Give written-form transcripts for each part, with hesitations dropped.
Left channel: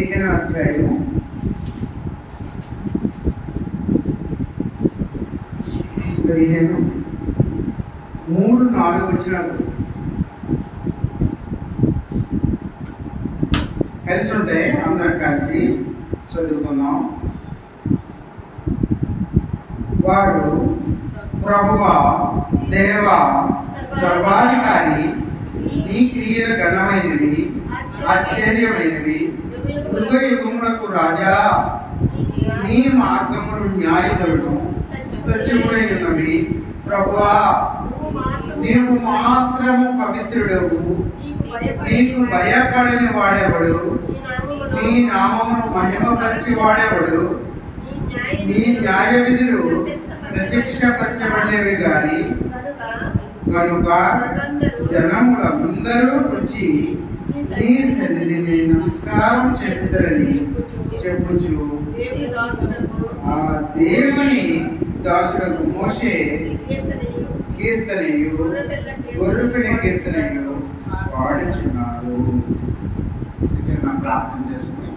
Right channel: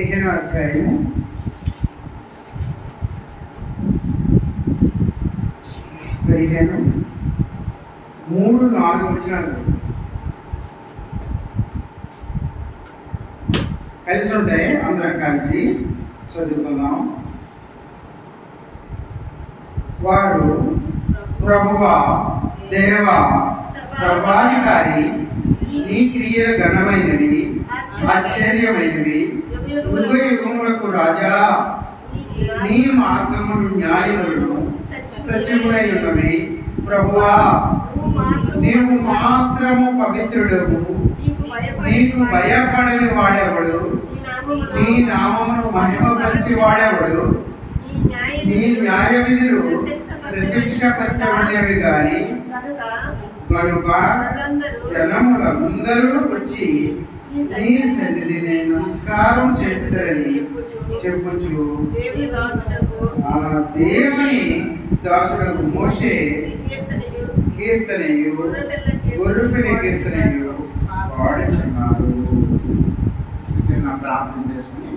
15వ అధ్యాయము 3-4 వచనాలు కలిసి ఉంటాయి. అందరం కలిసి చదువుకుందాం. వారు ప్రభువా దేవా సర్వాధికారి, నీ క్రియలు ఘనమైనవి, ఆశ్చర్యమైనవి, యుగ యుగములకు రాజా, నీ మార్గములు న్యాయములను సత్యములైనవి. ప్రభువా నీవు మాత్రము పవిత్రుడవు, నీకు భయపడని వాడెవడు, నీ నామమును మహిమపరిచి వాడెవడు. నీ న్యాయ విధులు ప్రత్యక్షపరచబడినవి గాని కనుక జనములందరూ వచ్చి నీ సన్నిధిని నమస్కారం చేసేదరని చెప్పుచు ఆ దేవుని దాసుడకు మోషే కీర్తనయు గొర్రెపిల్ల కీర్తనయు పాడుచున్నారు. చిన్న ప్రార్థన చేసుకుని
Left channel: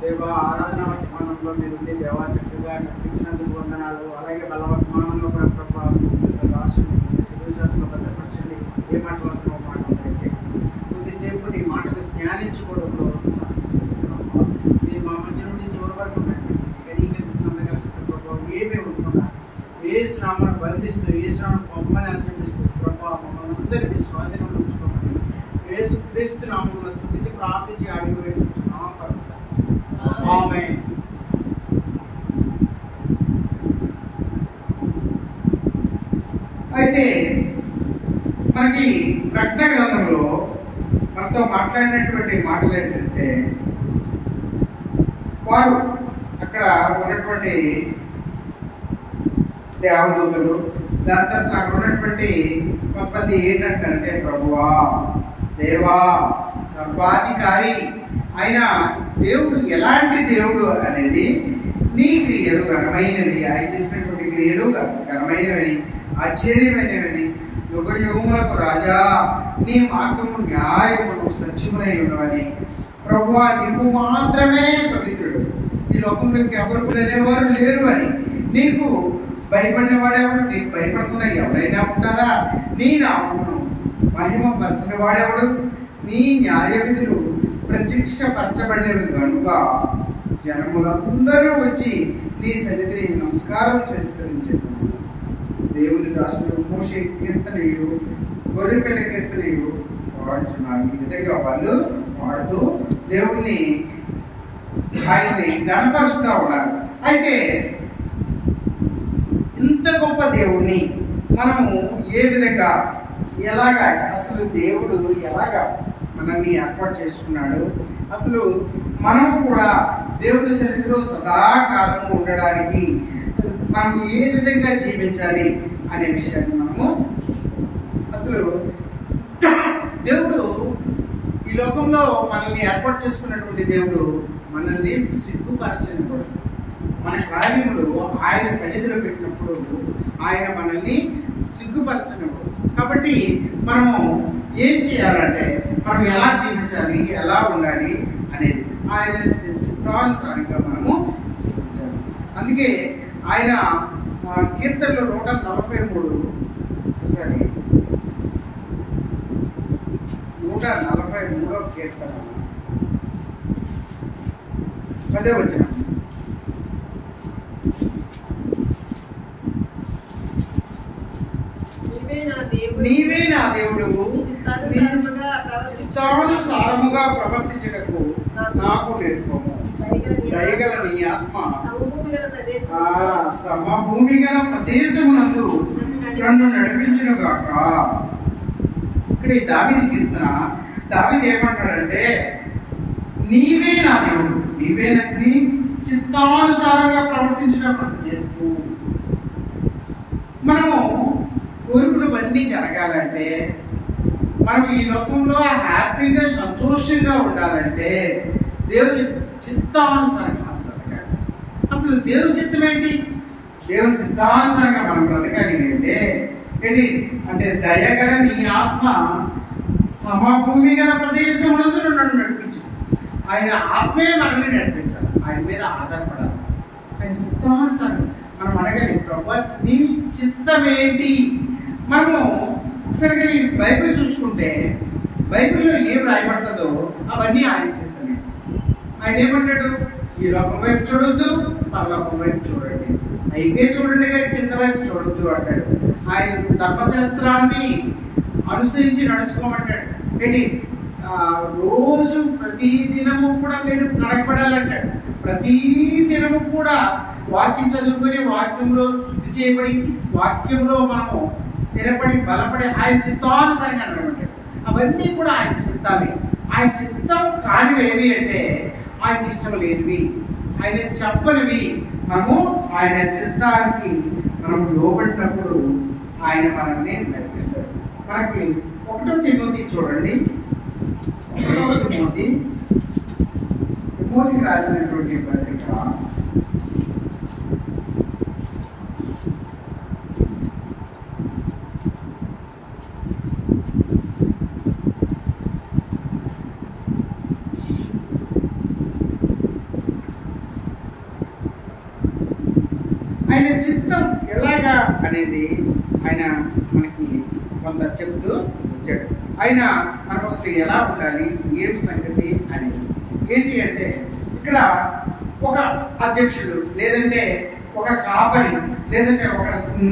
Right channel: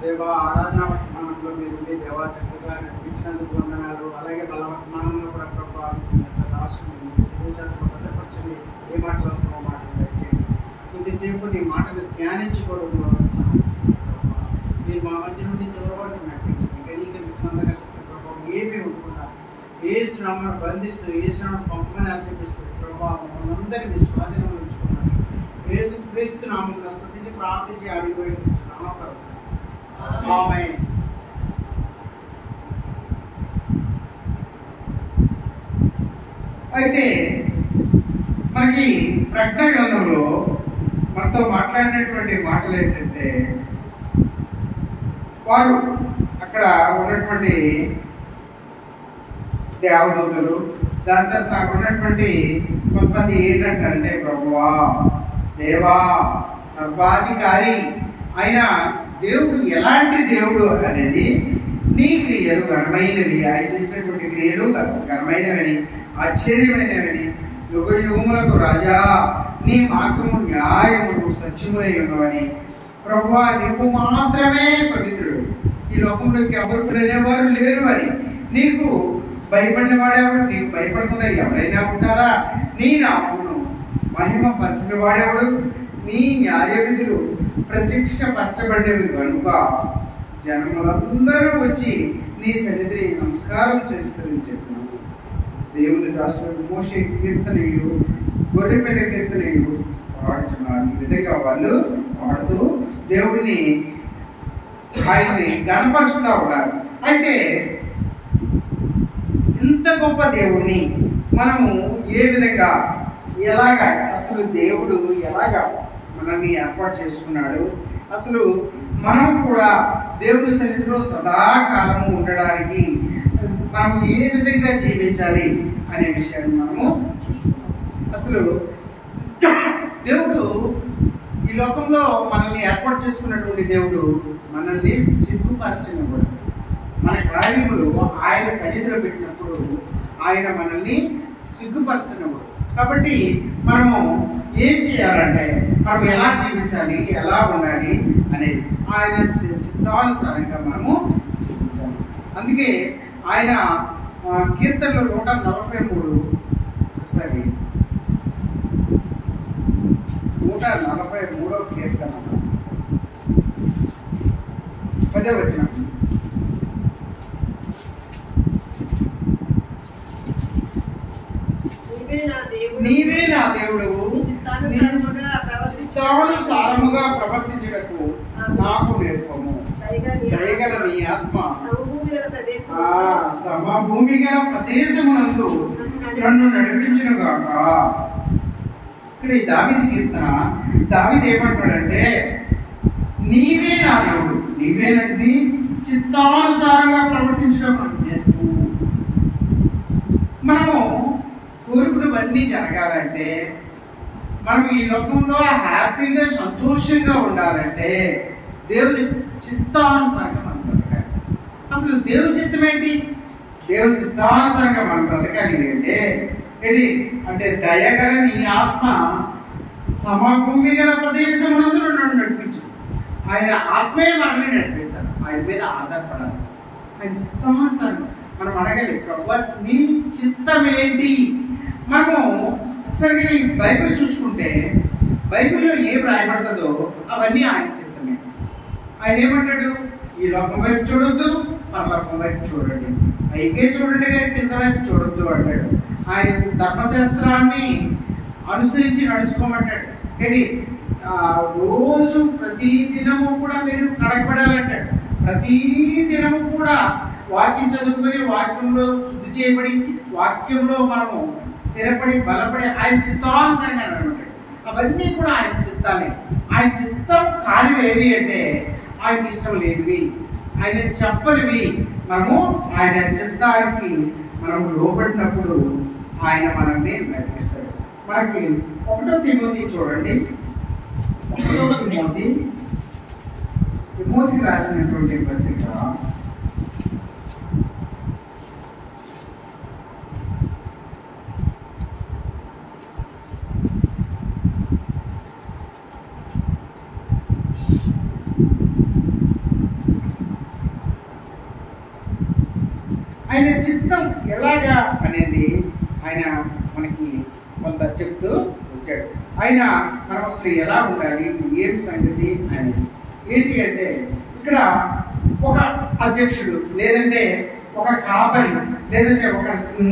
దేవా ఆరాధన వర్తమానంలో మీరుండి దేవా చక్కగా నడిపించినందుకు వందనాలు. అలాగే బలవర్తమానంలో కూడా ప్రభావ దాసులు శిరోజాతులు భద్రపరచండి. ఏ మాట వలసిన మాటలు దయచేయండి. కొద్దిసేపు నీ మాటలు ధ్యానించుకోవడంలో మీరు మా మధ్య నుండి చివరి వరకు నడిపించండి. గడీకరించినందుగా చెప్పిన ప్రభావం ఏమీ ఉండకుండా ఏ శ్రామను బంధిస్తూ ఏ శ్రామను పంపని అర్పిస్తూ ప్రభావం మమ్మల్ని అందరినీ స్వాధీనంలో ఉంచుకున్నాను. యేసు క్రీస్తు నామమున స్తుతించి ప్రార్థించి అడిగి వేడుకుంటున్నాము. ఆమేన్. అయితే మనకి ప్రకటన గ్రంథంలో మనతో మాట్లాడినటువంటి మాటలు ఏంటంటే, వారు అక్కడ ఉన్నటువంటి దేవదూతలు, దాని తర్వాత అక్కడ ఉన్నటువంటి కొంతమంది ఏంటంటే, ప్రభువా దేవా సర్వాధికారి అయిన దేవుడు ఎలాంటి దేవుడు అనేది, నీ క్రియలు ఘనమైనవి, ఆయన చేసినటువంటి క్రియలు ఘనమైనవని ఆశ్చర్యమైనవని, యుగ యుగములకు రాజా, నీ మార్గము న్యాయమును సత్యములై ఉన్నవని. ప్రభువా నీవు మాత్రమే పవిత్రుడు, ఈ లోకంలోకి ఎవరు అనేవారు లేరు అని. నీకు భయపడిన వాడెవడు, నీకు భయపడకుండా ఎవరైనా ఉంటారా? నీ నామమును మహిమపరచిన వాడెవడు? నీ న్యాయ విధులు ప్రత్యక్షపరచబడినవి కనుక జనములందరూ వచ్చి నీ సన్నిధిని నమస్కారం చేస్తారని చెప్పినాను. దేవుని దాసుడు మోషే కీర్తనయు గొర్రెపిల్ల కీర్తనయు పాడుచున్నారు. ఈ విధంగా వాళ్ళు పాడుతూ దేవుడిని ఆయన్ని గణపరుస్తూ ఉన్నారు. అయితే ఇంత గొప్ప దేవుణ్ణి మనము ఏ విధంగా ఎలాగా, అసలు దేవుడు ఎలాగా మనల్ని ఏర్పాటు చేసుకున్నాడు, అసలు మనం కూడా దేవుని సన్నిధిలో సదాకాలము ఉండడానికి మనము ఏ విధంగా జీవించాలి అనే విషయాన్ని మనము చూసుకున్నాం. అసలు దేవుడు ఈ లోకంలో మనల్ని ఏర్పాటు చేసుకున్నటువంటి దేవుడు మనల్ని సిగ్గుపరచినప్పుడు, మన కార్యములు ఆయన సన్నిధిలో పెట్టినప్పుడు ఆయన మనల్ని సిగ్గుపరచినప్పుడు. కాబట్టి మనము ఏం చేయాలంటే, మనం ఎలా జీవించాలి, ఎలా ఉండాలి అనేది ఆయన చిత్తానుసారంగా మనము జీవించాలి. అందుకే ఆయన కీర్తనలో 143 ఒకసారి 143వ కీర్తన 10వ వచనం. నీవే నా దేవుడు, చిత్తానుసారముగా ప్రవర్తించుటకు నాకు నేర్పము. దయగల నీ ఆత్మ సమభూమి గల ప్రదేశమునందు నన్ను నడిపించిన గాక. ఇక్కడ ఈ దావీదు కీర్తన, దావీదు ఏమంటాడంటే, నీవే నా దేవుడు, నీవే నీ చిత్తానుసారంగా ప్రవర్తించడం నేర్పు. మనము కోరుకున్నవన్నీ జరగాలంటే, మనం ఈ లోకంలో హ్యాపీగా సంతోషంగా ఉండాలంటే, దేవుని చిత్తానుసారంగా మనం బ్రతకాలి. అసలు దేవుని చిత్తం ఏంటి? దేవుని చిత్తానుసారంగా మనం బ్రతకాలి అంటే ఏంటి అంటే దయగల నీ ఆత్మ సమభూమి గల ప్రదేశమునందు నన్ను నడిపించు. ఆయన ఆత్మే మనల్ని నడిపించాలి, ఆయన మీద ఆధారపడాలి, ఆయన చిత్తానుసారంగా మనం అడగాలి, ప్రభువా నీ చిత్తం ఏంటి? మనము ఒకసారిగా నీ బైబిల్ చూసుకుంటే బైబిల్లో ఏం రాయబడుతుందో అవన్నీ ఆయన చిత్తమే. ఆయన ఏమంటాడు? ఈ లోకం వైపు చూడొద్దు, పరలోకం వైపు చూడండి, పైకే చూడండి కానీ కింద వైపు చూడొద్దు అంటాడు. ఆయన ధర్మశాస్త్రాన్ని అనుసరించి నడుచుకోమంటాడు. ఏంటి రోజు ప్రతి దినము కూడా మీరు కడగబడాలంటాడు. ప్రతి దినము కూడా వాక్యం చదువుకొని వాక్యంలో శుద్ధి చేయబడి వాక్యంలో మనము స్థిరపడి బలపడి ఆయన చిత్తానుసారంగా నడమంటాడు. అవన్నీ కూడా ఆయన చిత్తాలే. ఆయన చిత్తం కానివేవి అంటే ఆయనకి ఇష్టం లేనివి, ఆయన చెప్పనివి. మనము ఆయన చిత్తానికి మనం లోబడినప్పుడు ఆయన మనల్ని నడిపిస్తాడు. మనకి 1 తిమోతి చూడండి, 1 తిమోతికి రాసినటువంటి పత్రిక 1 ఆయన చిత్తం ఎలాగా అనేది ఆయన మనకి కొంత చెప్తూ వచ్చాడు. ఆయన మనం అసలు ఎలా ఉండాలి, ఏం సంగతి అనేది ఏంటి అంటే ఇక్కడ ఒక అధ్యక్షుడు లేదంటే ఒక కాపరి లేదంటే ఒక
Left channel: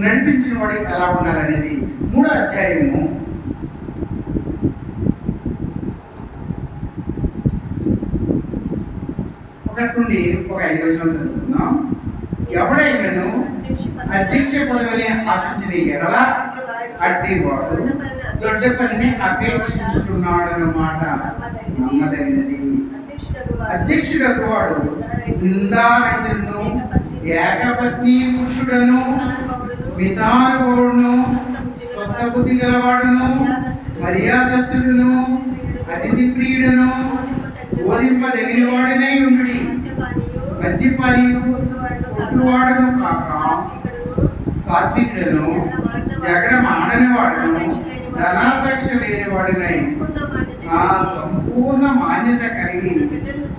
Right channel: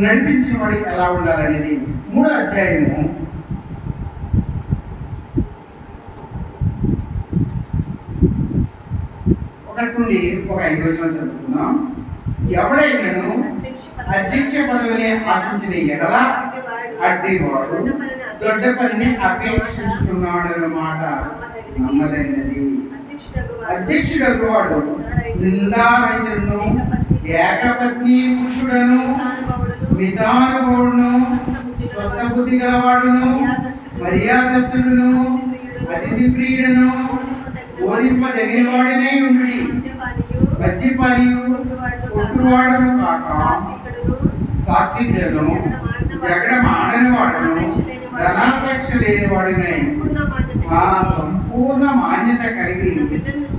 నడిపించిన వాడు ఎలా ఉండాలనేది 3వ అధ్యాయము 1 నుండి 5 వచనం చదువుకుందాం. ఎవడైనాను అధ్యక్ష పదవిని ఆశించిన ఎడల అట్టివాడు దొడ్డ పనిని అపేక్షించుచున్నాడు మాట నమ్మదగినది. అధ్యక్షుడు వాడు నిందారహితుడును ఏకపత్ని పురుషుడను మితానుభవుడును స్వస్థ బుద్ధి గలవాడును మర్యాదస్తుడును అతిథి ప్రియుడును బోధింపదగిన వాడినై ఉండుడి. మద్యపానియు కొట్టువాడును కాక సాత్వికుడును జగడమాడని వాడును ధనాపేక్ష లేని వాడినై సంపూర్ణ మాన్యత కలిగి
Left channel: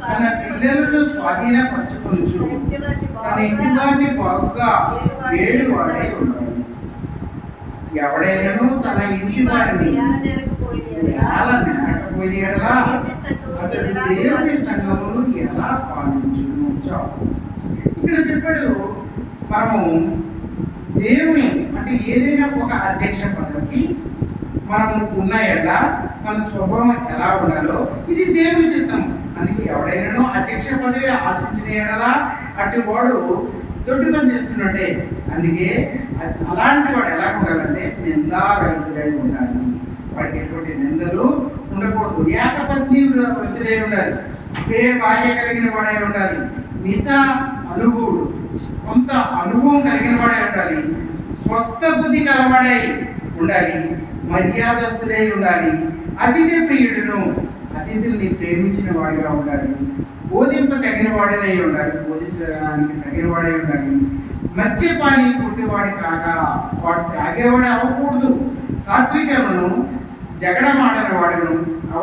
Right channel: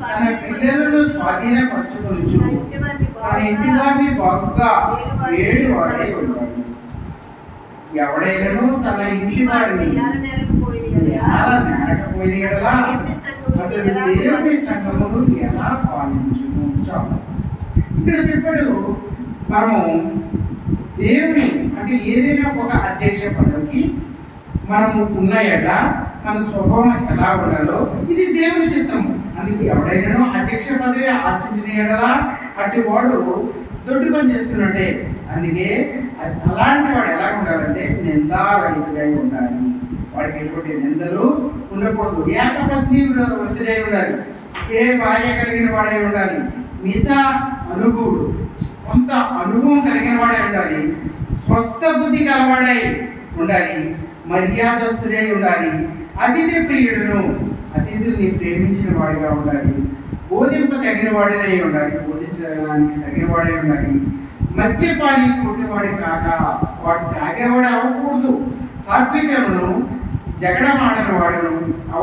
తన పిల్లలను స్వాధీనపరచుకొనుచు తన ఇంటి వారిని బాగుగా ఏడువాడై ఉండాలి. ఎవడైనాను తన ఇంటి వారిని నేరకపోయిన ఎడల అతడు దేవుని సంఘమును ఎలా పాలించును? ఇక్కడ చెప్పాడు, మనము దేవుని అంటే ఏదైనా ఒక అధ్యక్ష పదవికి మనము ఉన్న ఎడల మన స్వభావం ఎలా ఉండాలో ఇది దేవుని చిత్తం. అందుకే ఎవడైనాను అధ్యక్ష పదవి ఆశించిన ఎడల అటు వాడు దొడ్డు పని చేసుకున్నట్టే. అందుకే అలాంటి వాడు ఎలా ఉండాలంటే నిందారహితుడై ఉండాలి. వాడికి ఎటువంటి నిందలు ఉండకూడదు. ఏకపత్ని వృత్తుడై ఉండాలి. భార్య కలిగిన వాడై ఉండాలి. మిగతా అనుభవుడు కొంత అనుభవం కలిగిన వాడై ఉండాలి. స్వస్థ బుద్ధి కలవాడై ఉండాలి. మర్యాదస్తుడై ఉండాలి. అతిథి ప్రియుడును అతిథుల్ని ప్రేమించిన వాడిగా ఉండాలి. బోధింప తగిన వాడినై ఉండాలి. బోధించడానికి తగిన వాడై ఉండాలి. మద్యపాని కొట్టివాడి కాక వాడు త్రాగేవాడు అవ్వకూడదు. సాత్వికమును జగడమాడని వాడును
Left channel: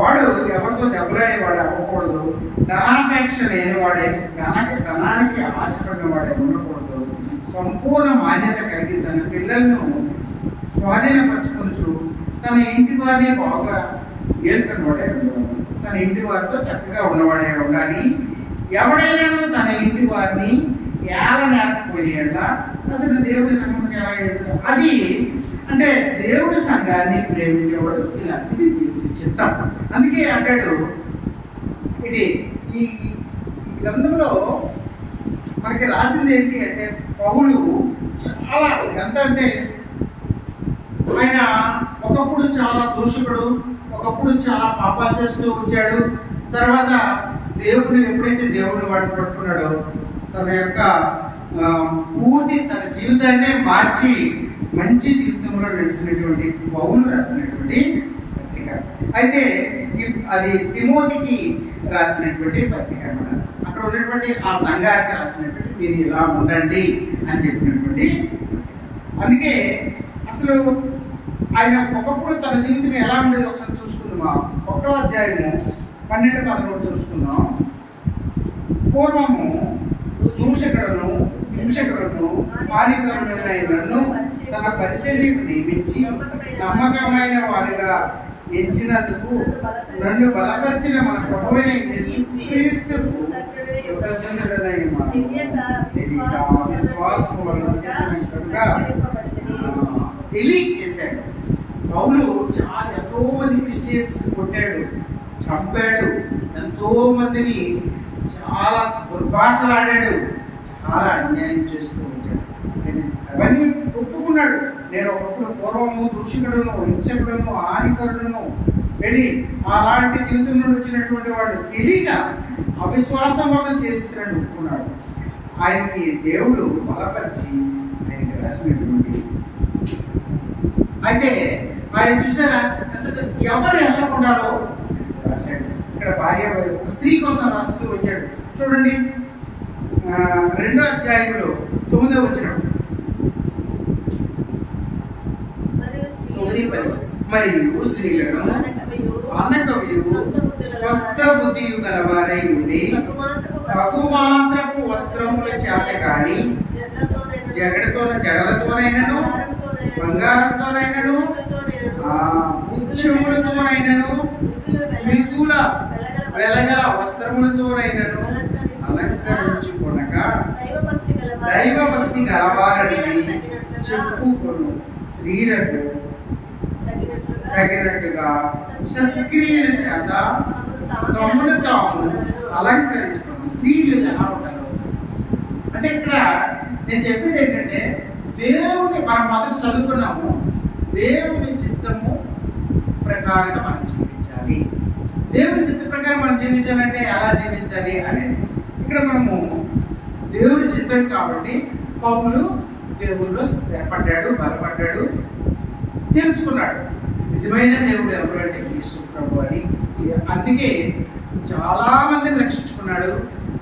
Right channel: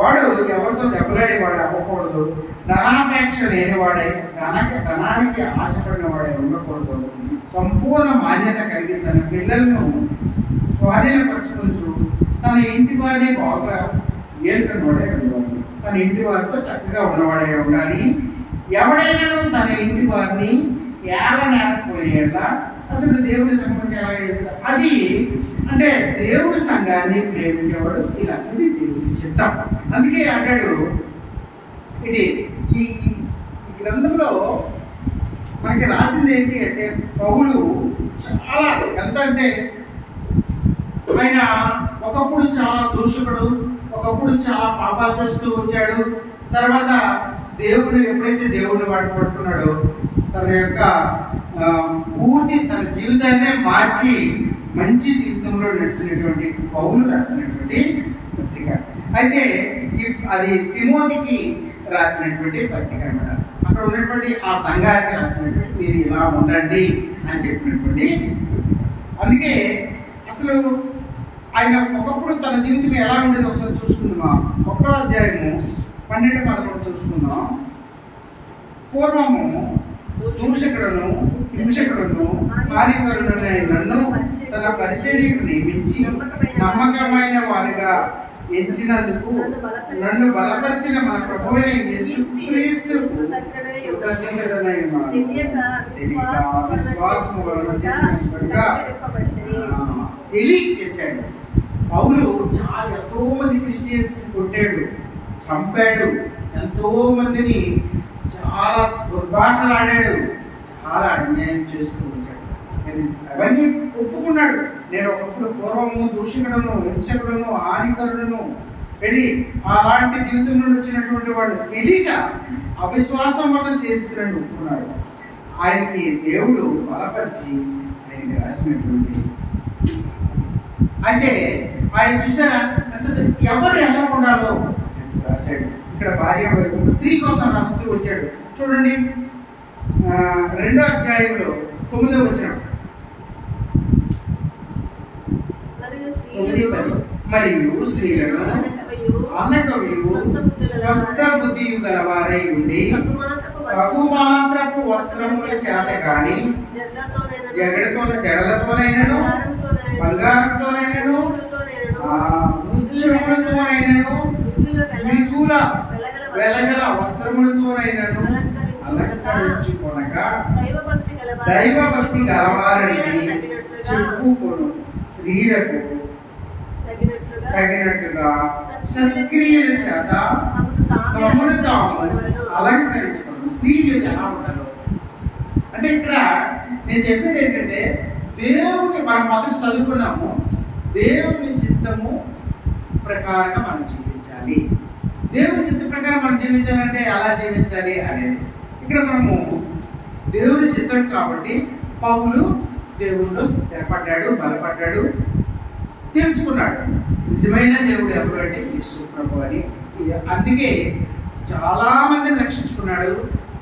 వాడు ఎవరితో దెబ్బలాడేవాడు అవ్వకూడదు. ధనాపేక్ష లేనివాడే ధనానికి ఆశపడిన వాడే ఉండకూడదు. సంపూర్ణ మాన్యత కలిగి తన పిల్లలను స్వాధీనపరచుకొనుచు తన ఇంటి వారిని బాగా ఏలుకుని వాడే ఉండేవాడు. తన ఇంటి వారితో చక్కగా ఉన్నవాడే ఉండాలి. ఎవడైనా తన ఇంటి వారిని ఏలనేకపోయిన అతడు దేవుని సంఘానికి ఎలా వెళ్తాడు? అది అంటే దేవుని సంఘాన్ని ప్రేమించేవాడు ఇలా. ఇది దేవుని చిత్తం. అందుకే అంటాడు ఇది ఈ గ్రంథంలో మనకి రాసింది ఏంటి అంటే పౌలు చాలా ఎంత అంటే ఆయన ఒకప్పుడు చాలా దూషకుడు, ఒకప్పుడు చాలా పాపాలు చేస్తూ వచ్చాడు. తర్వాత దేవుని ఎప్పుడైతే దేవుడిని పట్టుకున్నాడో తన యొక్క పూర్తి తన జీవితాన్నే మార్చి మంచి జీవితంలో నడిచినటువంటి పౌలు రాసినటువంటి పత్రిక. అయితే అది తిమోతికి రాసినటువంటి పత్రిక అన్నమాట. అక్కడ ఉన్నటువంటి ఆ సంఘానికి రాసినటువంటి మీరు ఇలా ఉండండి అని చెప్పినటువంటి. అందుకే అసలు ఆయన ఒకప్పుడు తన జీవితం ఎలా ఉండేది ఒకసారి చూసుకుందాం. 1వ అధ్యాయము 12-13 చూసుకుందాం. పూర్వము దూషకుడును హింసకుడును హానికరుడనై నన్ను తన పరిచర్యకు నియమించి నమ్మకమైన వారిగా ఎంచినందుకు నన్ను బలపరిచిన మన ప్రభువైన యేసుక్రీస్తుకు కృతజ్ఞుడనై తెలియక అవిశ్వాసము వలన చేసినట్టుగా తెలియచేశాడు. పౌలు ఎంతో మంది క్రిస్టియన్స్ కొట్టాడు, చంపాడు, ఎంతో మందిని చాలా దుర్భాషలాడాడు, చాలా అన్యాయం చేస్తూ వచ్చాడు. కానీ అవన్నీ ఒప్పుకున్నాడు. నేను ఒకప్పుడు పూర్వము దూషకుడును హింసకుడును హానికరుడును వెళ్ళి అలాంటి జీవితం నుండి వచ్చినటువంటి వాడు తెలియక అవిశ్వాసం వల్ల చేస్తున్నాడు ఒప్పుకున్నాడు. ఆయనకి దేవుడు బలపరిచి ఆయనకి రాసినటువంటి. అయితే ఆయన చూసారా ఎవరు ఎలా ఉండాలో రాశాడు. ఇక్కడ భార్య ఒక స్త్రీ కోసం రాస్తూ వచ్చాడు. చూడండి 2వ అధ్యాయంలో 9వ వచనం. మరియు స్త్రీలను అనకవ్యు స్వస్థ బుద్ధియు గలవారై ఉండి తగుమాత్రపు వస్త్రముల చేత కానీ జడలతోనైనను బంగారంతోనైనను ముత్యములతోనైనను మిగుల వెలగల వస్త్రములతోనైనను అలంకరించుకొనక దైవభక్తి గలవారని చెప్పుకొను స్త్రీలకు తగినట్టుగా సత్క్రియల చేత తమను తాము అలంకరించుకోవడం. స్త్రీలు ఎలా ఉంటారు అంటే ఇక్కడ నేను చెప్పేది ఏంటంటే దేవుని మనం మొదటి చదువుకున్నాము, దేవుని చిత్తము ప్రకారంగా మనం జీవించాలి. దేవుని చిత్త ప్రకారం మనం జీవించాలంటే ఎలా జీవించాలి అనేది ఇక్కడ మనము దేవుని చిత్తం కాబట్టి పౌలు దేవుల్లో స్థిరపడ్డాడు, బలపడ్డాడు, తెలుసుకున్నాడు నిజమైన దేవుడు ఎవరు అంటే యేసు ప్రభు అని. అందుకే చాలా మందిని రక్షించుకున్నాడు,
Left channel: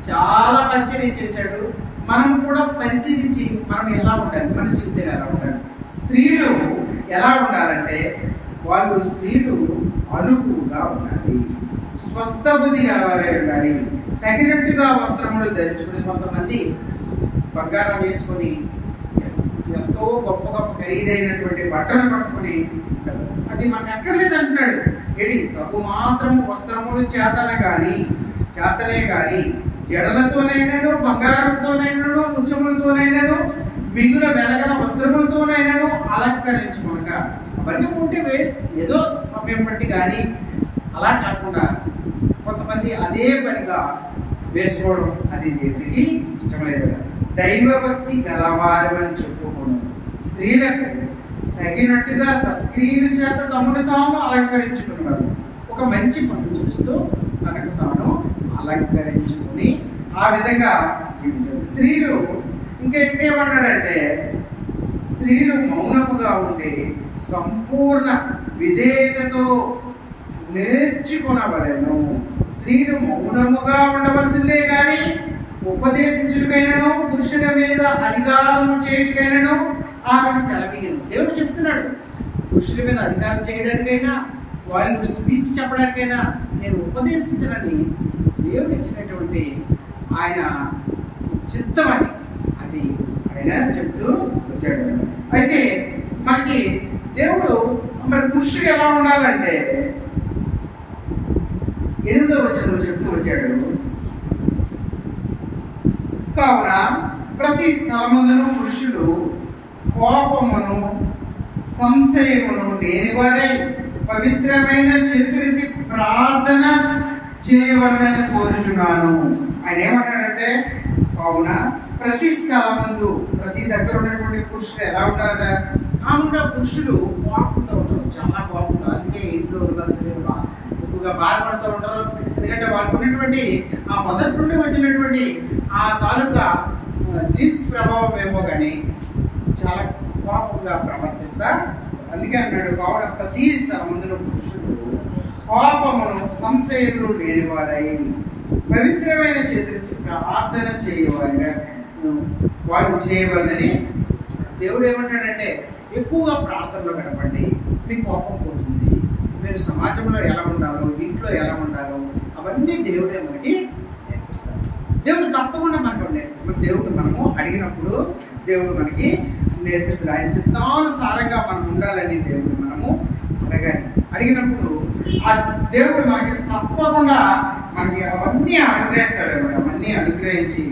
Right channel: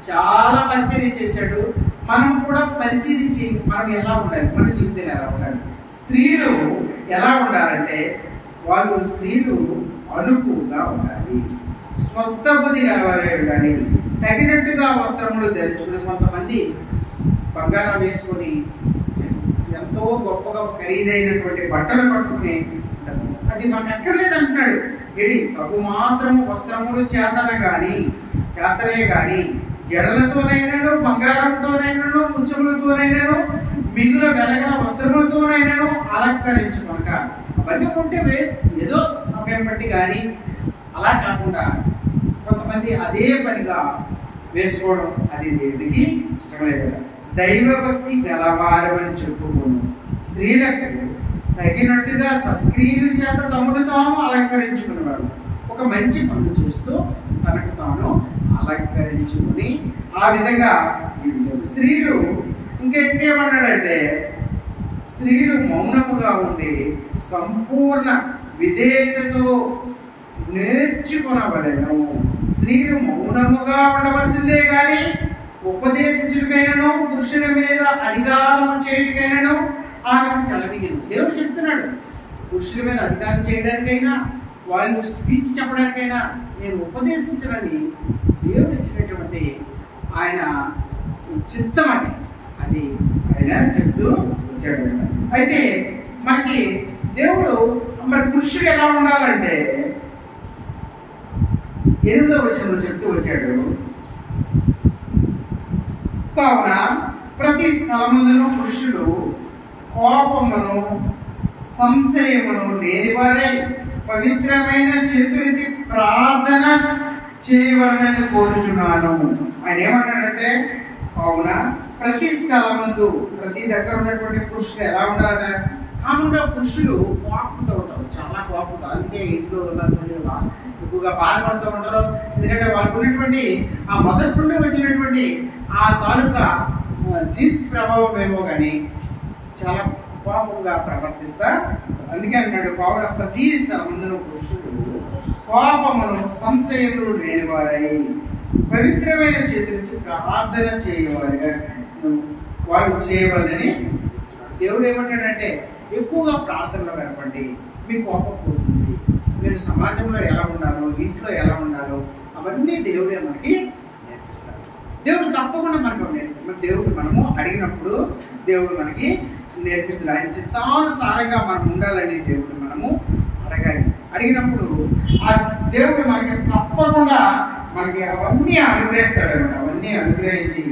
చాలా పరిచర్య చేశాడు. మనం కూడా పరిచరించి మనం ఎలా ఉండాలి, మన జీవితంలో ఎలా ఉండాలి. స్త్రీలు ఎలా ఉండాలంటే వాళ్ళు స్త్రీలు అనుకువగా ఉండాలి, స్వస్థ బుద్ధి గలవారై ఉండాలి, తగినట్టుగా వస్త్రములు ధరించుకుని. కొంతమంది బంగారం వేసుకొని ఎంతో గొప్ప గొప్ప ఖరీదైనటువంటి బట్టలు కట్టుకుని అది మనకు అక్కర్లేదు అంటున్నాడు. ఏడి తగు మాత్రము వస్త్రములు చేతనే కానీ జడలతోనైనను బంగారంతోనైనను ముత్యములతోనైనను మిగుల వెలగల వస్త్రములతోనైనను అలంకరించుకొనక. అవన్నీ ఉంటే ఏదో సమయం బట్టి కానీ అలా కాకుండా కొంతమంది అదే పనిగా వేసుకోవడం అది దేవుడికి ఇష్టం లేదు. దైవభక్తి గలవారమని చెప్పుకోను స్త్రీలకు తగినట్టుగా సత్క్రియల చేత తమను తాము అలంకరించుకునేవారు. ఒక మంచి పనులు చేస్తూ తనకు తాను అలంకరించుకుని ఆ విధంగా జీవించారు. స్త్రీలు ఇంకేమన్నాడంటే స్త్రీలు మౌనముగా ఉండి సంపూర్ణ విధేయతతో నేర్చుకునవలెను. స్త్రీలు మౌనముగా ఉండవలసిందే కానీ ఉపదేశించుటకైనను పురుషుల మీద అధికారము చేయటికైనను ఆమెకు సెలవీయను. దేవుడు చెప్తున్నాడు, పురుషుల మీద అధికారం చేయడానికైనా వాళ్ళు స్పీచ్ చెప్పడానికైనా నేను ఉపదేశించనని దేవుడు ఇచ్చినటువంటి ఆయన చిత్తం అని అది ఆయన చెప్తూ వచ్చాడు. అయితే మనకి దేవుడు మరి పురుషుడు ఎలా ఉండాలంటే 8వ వచనంలో చెప్తూ వచ్చాడు. కావున ప్రతి స్థలమందును పురుషుడు కోపమును సంశయమును లేనివారై పవిత్రమైన చేతులెత్తి ప్రార్థన చేయవలనని కోరుచున్నాను. ఆయన ఏమన్నాడంటే కావున ప్రతి స్థలమందు ప్రతి దగ్గర ఉన్నటువంటి పురుషుడు ఎలా ఉండాలట. కామన్గా పురుషులు కోపంతో ఉంటారు, చాలా కోపంతో. అందుకే ఇంట్లో ఎక్కువగా బాధపడుతూ ఉంటారు. ఎందుకంటే వాళ్ళకు ఉన్నటువంటి ఆ మొదటి నుండి వచ్చినటువంటి ఆ తాలూకా జీన్స్ ప్రభావం ఏమో కానీ చాలా కోపంగా ప్రవర్తిస్తా. అందుకే అన్నాడు కావున ప్రతి స్థలమందున పురుషుడు కోపమును సంశయములు లేనివారై పవిత్రమైన చేతులిచ్చి ప్రార్థన చేయవారిగా వాళ్ళు చేయవాలని దేవుడు ఏమంటాడంటే ఎక్కువగా ప్రార్థనలో గడపండి, మీ కోపం పోతుంది, మీరు సమాజంలో ఎలా ఉండాలో, ఇంట్లో ఎలా ఉండాలో అవన్నీ దేవుడే మనకి నేర్పిస్తాడు. దేవుడు తప్పకుండా మనకు దేవుడు మనము అడిగినప్పుడు దేవుడు మనకి నేర్పిస్తాడు. ఆయన చిత్తానుసారంగా మనం ఉండాలని దేవుడు మనము అడగాలి. అడిగినప్పుడు ఆ దేవుడు మనకి తప్పకుండా మనకి అవన్నీ అనుగ్రహిస్తాడు అనమాట. అవన్నీ అనుగ్రహించి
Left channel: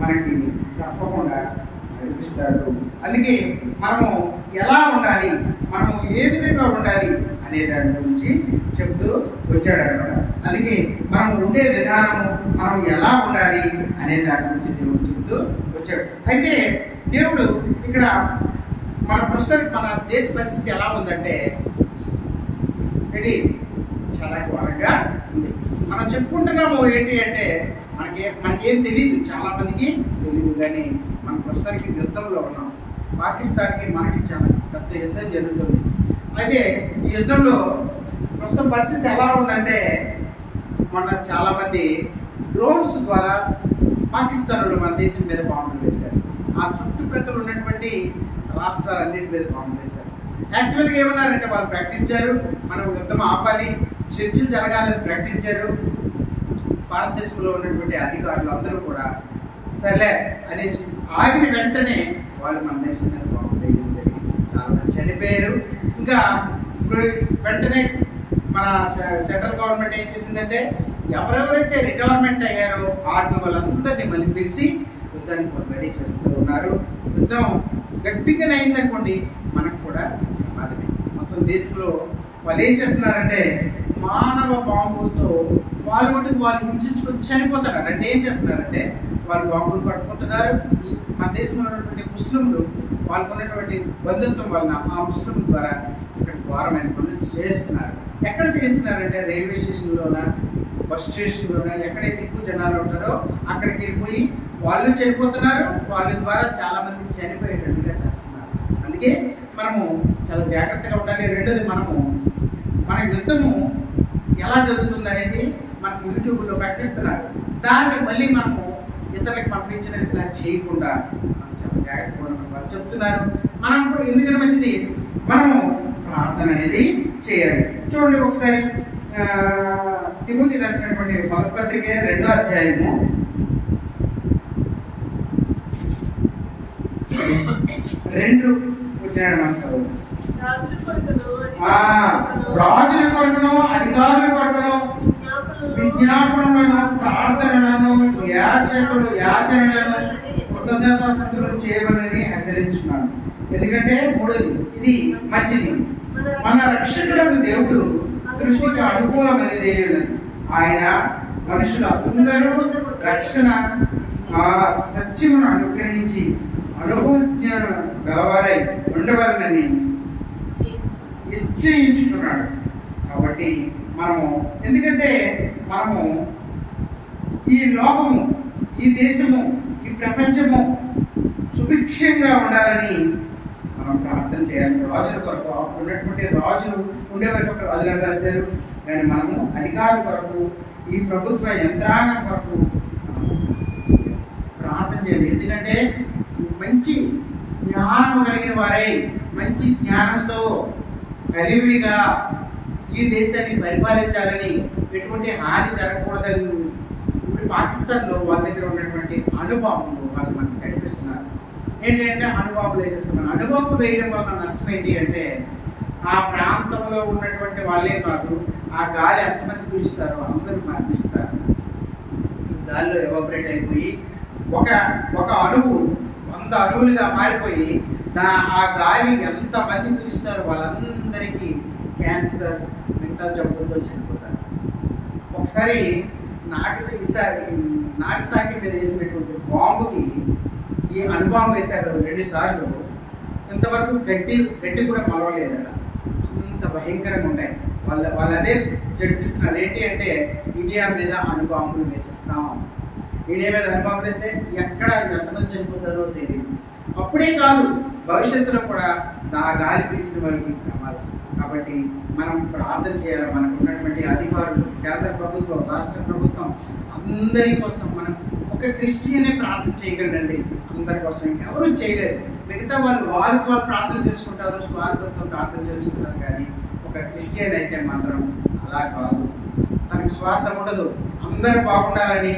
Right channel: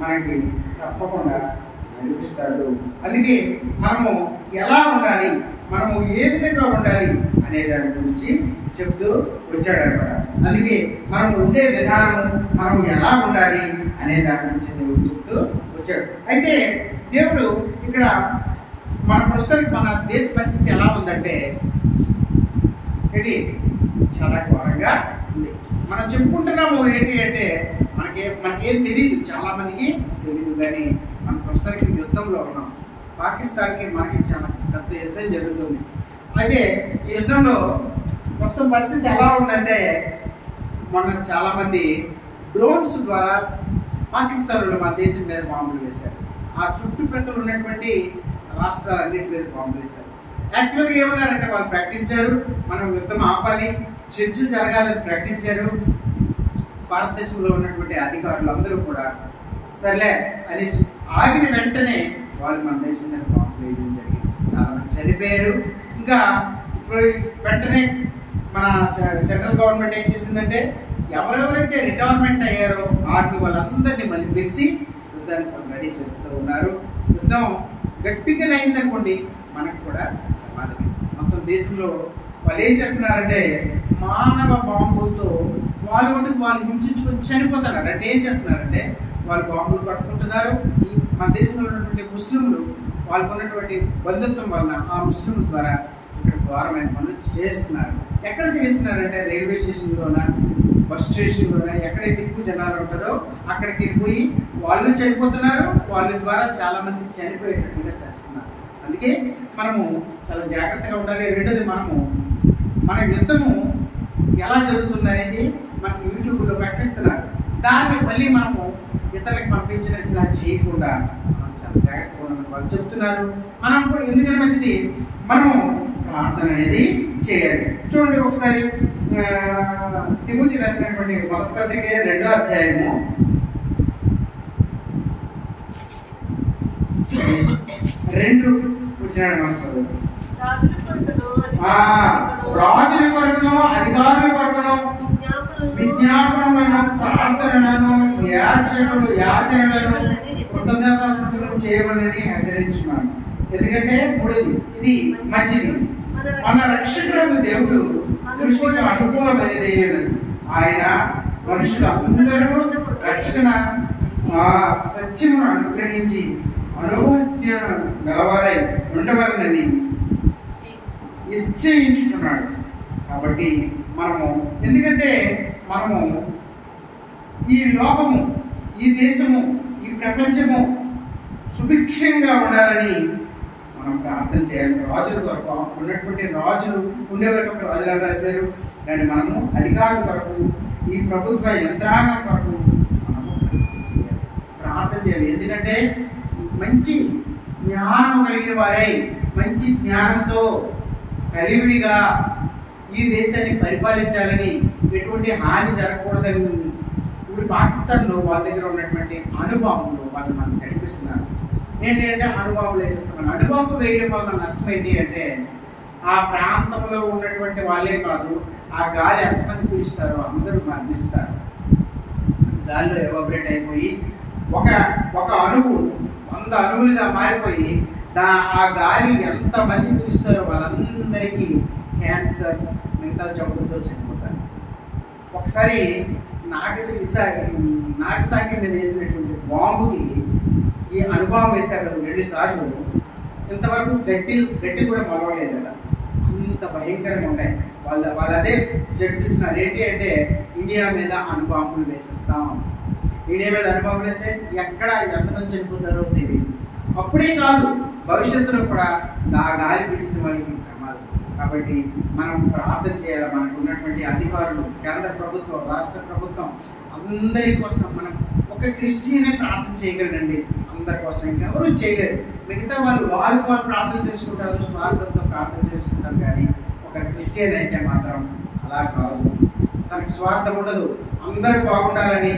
మనకి తప్పకుండా నడిపిస్తాడు. అందుకే మనము ఎలా ఉండాలి, మనము ఏ విధంగా ఉండాలి అనే దాని గురించి చెప్తూ వచ్చాడు అనమాట. అందుకే మనం ఉండే విధానము, మనం ఎలా ఉండాలి అనే దాని గురించి దేవుడు చెప్తూ వచ్చాడు. అయితే దేవుడు ఇక్కడ మన ప్రస్తుతానికి మన దేశ పరిస్థితి ఎలా ఉందంటే చాలా ఘోరంగా ఉంది. మనం చెప్పుకుంటున్నాము ఏంటి అంటే మనకేం తెలియదు, చాలా మందికి తెలియదు. కానీ మనం ప్రస్తుతానికి యుద్ధంలో ఉన్నాం. పాకిస్తాన్కి మనకి చాలా పెద్ద యుద్ధం జరుగుతుంది. అయితే ఈ యుద్ధంలో ప్రస్తుతం పరిస్థితి ఎలా ఉందంటే మన చాలామంది డ్రోన్స్ ద్వారా పాకిస్తాన్లో మన దేశం మీద బాంబులు వేశారు. ఆ చుట్టుప్రక్కల ఉన్నటువంటి రాష్ట్రాలన్నిటి మీద బాంబులు వేశారు. యాక్చువల్గా ఏమన్నారంటే వాళ్ళు ప్రకటించారు, మనం యుద్ధం ఆపాలి, చర్చలు జరగాలని ప్రకటించారు. భారతదేశంలో ఉన్నటువంటి అధికారులు అందరూ కూడా సర్లే అనేసి ఆగిన వెంటనే వాళ్ళు మన దేశం మీద బాంబులు వేయడం జరిగింది. చాలామంది చనిపోయారు. ఇంకా ఇప్పుడు వెంటనే మన సెంట్రల్ గవర్నమెంట్ ఏం చేసిందంటే ఎవరెవరైతే రిటైర్మెంట్ అయ్యారో ఆర్మీ వాళ్ళందరినీ మళ్ళీ పిలిచి యుద్ధానికి వాళ్ళు రెడీ చేస్తూ ఉన్నారు. యుద్ధం గట్టిగా అయిందనుకోండి మనకు కూడా ప్రమాదమే. మొత్తం దేశంలో వాళ్ళు ఏం చేస్తున్నారంటే మానవ బాంబులతో వాళ్ళు మటుకు వాళ్ళు హింసించుకొని చనిపోతున్నారు. అంటే ఏం చేస్తున్నారంటే వాళ్ళు బాంబులు పట్టుకుంటున్నారు. మన దేశంలో ఉన్నటువంటి ముస్లింలు వాళ్ళకు ఉన్నటువంటి బంధుత్వం వలన ఆ ముస్లింల ద్వారా ఇక్కడ ఘోరమైన పనులు చేస్తున్నారు. ఎక్కడ చేస్తున్నారంటే రైల్వే స్టేషన్లోన, బస్ స్టేషన్లోన, ఎక్కడైతే ఎక్కువ జనాలు ఉంటారో అక్కడికి వెళ్ళిపోయి వాళ్ళు చనిపోతున్నారు. వాళ్ళ ద్వారా చాలామంది చనిపోయేటట్టుగా చేస్తున్నారు. అందుకే మనము చాలా జాగ్రత్తగా ఉండాలి. రెండోది మన యుద్ధము ఎలా జరుగుతుంది అనేది మనకు యూట్యూబ్లో ప్రకటిస్తున్నారు. దాన్ని మళ్ళీ మనము ఇతరులకు పంపించినట్లా చేయకుండా మనం చాలా జాగ్రత్తగా ఉండమని వాళ్ళు చెప్తున్నారు. మనం కూడా ఎందుకని మంచిది, మనము ప్రార్థన అనేది చేయాలి. చూడండి ఒకసారి తిమోతి రాసినటువంటి మొదటి పత్రిక 2వ అధ్యాయము 2 వచ్చినాడు మనం చదువు. రాజుల కొరకును అధికారుల కొరకును విజ్ఞాపనలను ప్రార్థనలను యాచనలను కృతజ్ఞతాస్తుతులను చేయవలని హెచ్చరించున్నాను. ఎందుకంటే మూడోది ఇది మంచిది, మన రక్షకుడు దేవుడు దృష్టికి అనుకూలమైనది ఉన్నది. ఆయన మనుషులందరూ రక్షణ సత్యమును అనుగ్రహించి అనుభూజ్ఞను గలవారై ఉండవలనని నిశ్చయించుచున్నాడు. కాబట్టి ఎందుకంటే మనము ఈ లోకము, ఈ దేశము, ఈ ప్రపంచము సుభిక్షంగా ఉండాలని మనం ప్రార్థన చేయాలి. రాజుల కొరకు ఉన్నటువంటి రాజులు ఉండేవరకు రాజులను రాశారు. కానీ మనము అధికారుల కొరకు, ఈ ప్రభుత్వ యంత్రాంగం కొరకు మనము ప్రార్థన చేయాలి. ఎందుకంటే మంచి జ్ఞానము కలిగిన వారై మంచి జ్ఞానంతో కలివిడిగా ఈ దేశాన్ని పరిపాలించాలని, ఎటువంటి హాని జరగకూడదని ఇప్పుడు పాకిస్తాన్లో వాళ్ళ దగ్గర ఉన్నటువంటి అణుబాంబులు వాళ్ళు మనకు నడిపిస్తున్నారు. ఏంటంటే అణుబాంబులు వేసేస్తామని. అణుబాంబు వేయడం వల్ల నష్టం ఏంటి అంటే ఆ ప్రాంతంలో ఉన్నటువంటి వాళ్ళే కాదు, ఆ గాలి ఎంతమంది పీలుస్తారో అందరూ మరణిస్తారు. గాలిలో ఎవాపరేట్ అయిపోయి ఒక అణువు 100 అణువులుగా మారిపోయి ఆ గాలి ఎంతమంది పీలుస్తారో వాళ్ళందరికీ క్యాన్సర్, మిగతా జబ్బులతో చనిపోతారు. ఒకసారి నాగసాకి మీద వేసినటువంటి బాంబుకి ఈ అణుబాంబు వేశారు 2 సార్లు. ఇంతవరకు గడ్డి కూడా మొలవలేదట. అంత భయంకరంగా ఉన్నాయి. వాళ్ళు అదే జడిపిస్తున్నారు. ఏంటి అంటే ఇండియా మీద అణుబాంబులు వేసేస్తాం, ఇండియా మీద అణుబాంబులు వేస్తే ఎక్కడ ఎంతమంది చనిపోతారో తెలియదు. అప్పుడే కాదు, భవిష్యత్తులో కూడా ఆ గాలి పీల్చిన వాళ్ళకి ప్రమాదం. కాబట్టి మనం ప్రార్థన చేయాలి. మనకు ఉన్నటువంటి అధికారులు, కేంద్ర ప్రభుత్వం, రాష్ట్ర ప్రభుత్వం, అందరి కోసం మనం ఒక క్రిస్టియనే ప్రార్థన చేయగలండి. అందరి కోసం ఇంకెవరూ చేయలేరు. మిగతా వాళ్ళు ప్రార్థన చేసుకుంటారు, స్వార్థంతో ప్రార్థన చేసుకుంటారు. కానీ ఒక క్రిస్టియన్ అయితే మాత్రం అలా కాదు. తనకి స్వార్థం ఉండదు. అందరూ బాగుండాలని,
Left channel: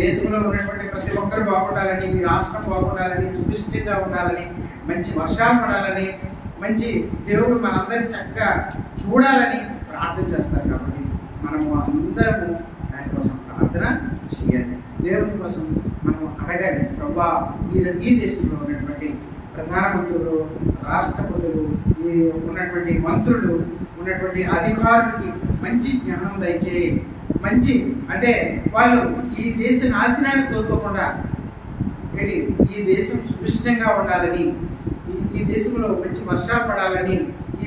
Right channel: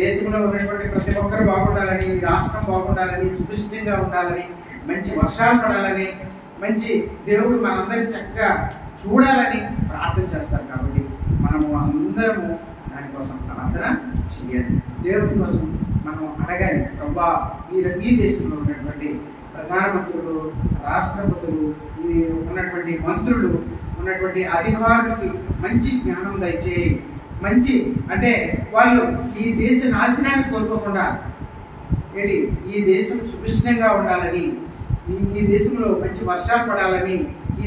దేశంలో ఉన్నటువంటి ప్రతి ఒక్కరు బాగుండాలని, రాష్ట్రం బాగుండాలని, సుభిష్టంగా ఉండాలని, మంచి వర్షాలు పడాలని, మంచి దేవుడు మనందరినీ చక్కగా చూడాలని ప్రార్థన చేస్తారు. కాబట్టి మనము అందరము దానికోసం ప్రార్థన చేయాలి. దేవుని కోసం మనం అడగాలి. ప్రభువా, ఈ దేశంలో ఉన్నటువంటి ప్రధానమంత్రులు, రాష్ట్రపతులు, ఈ ఉన్నటువంటి మంత్రులు, ఉన్నటువంటి అధికారులకి మంచి జ్ఞానం దయచేయి. మంచి అంటే వాళ్ళు ఈ దేశ నాశనాన్ని కోరుకోకుండా ఈ దేశం సుభిష్టంగా ఉండాలని, ఈ దేశంలో మంచి వర్షాలు పడాలని, ఈ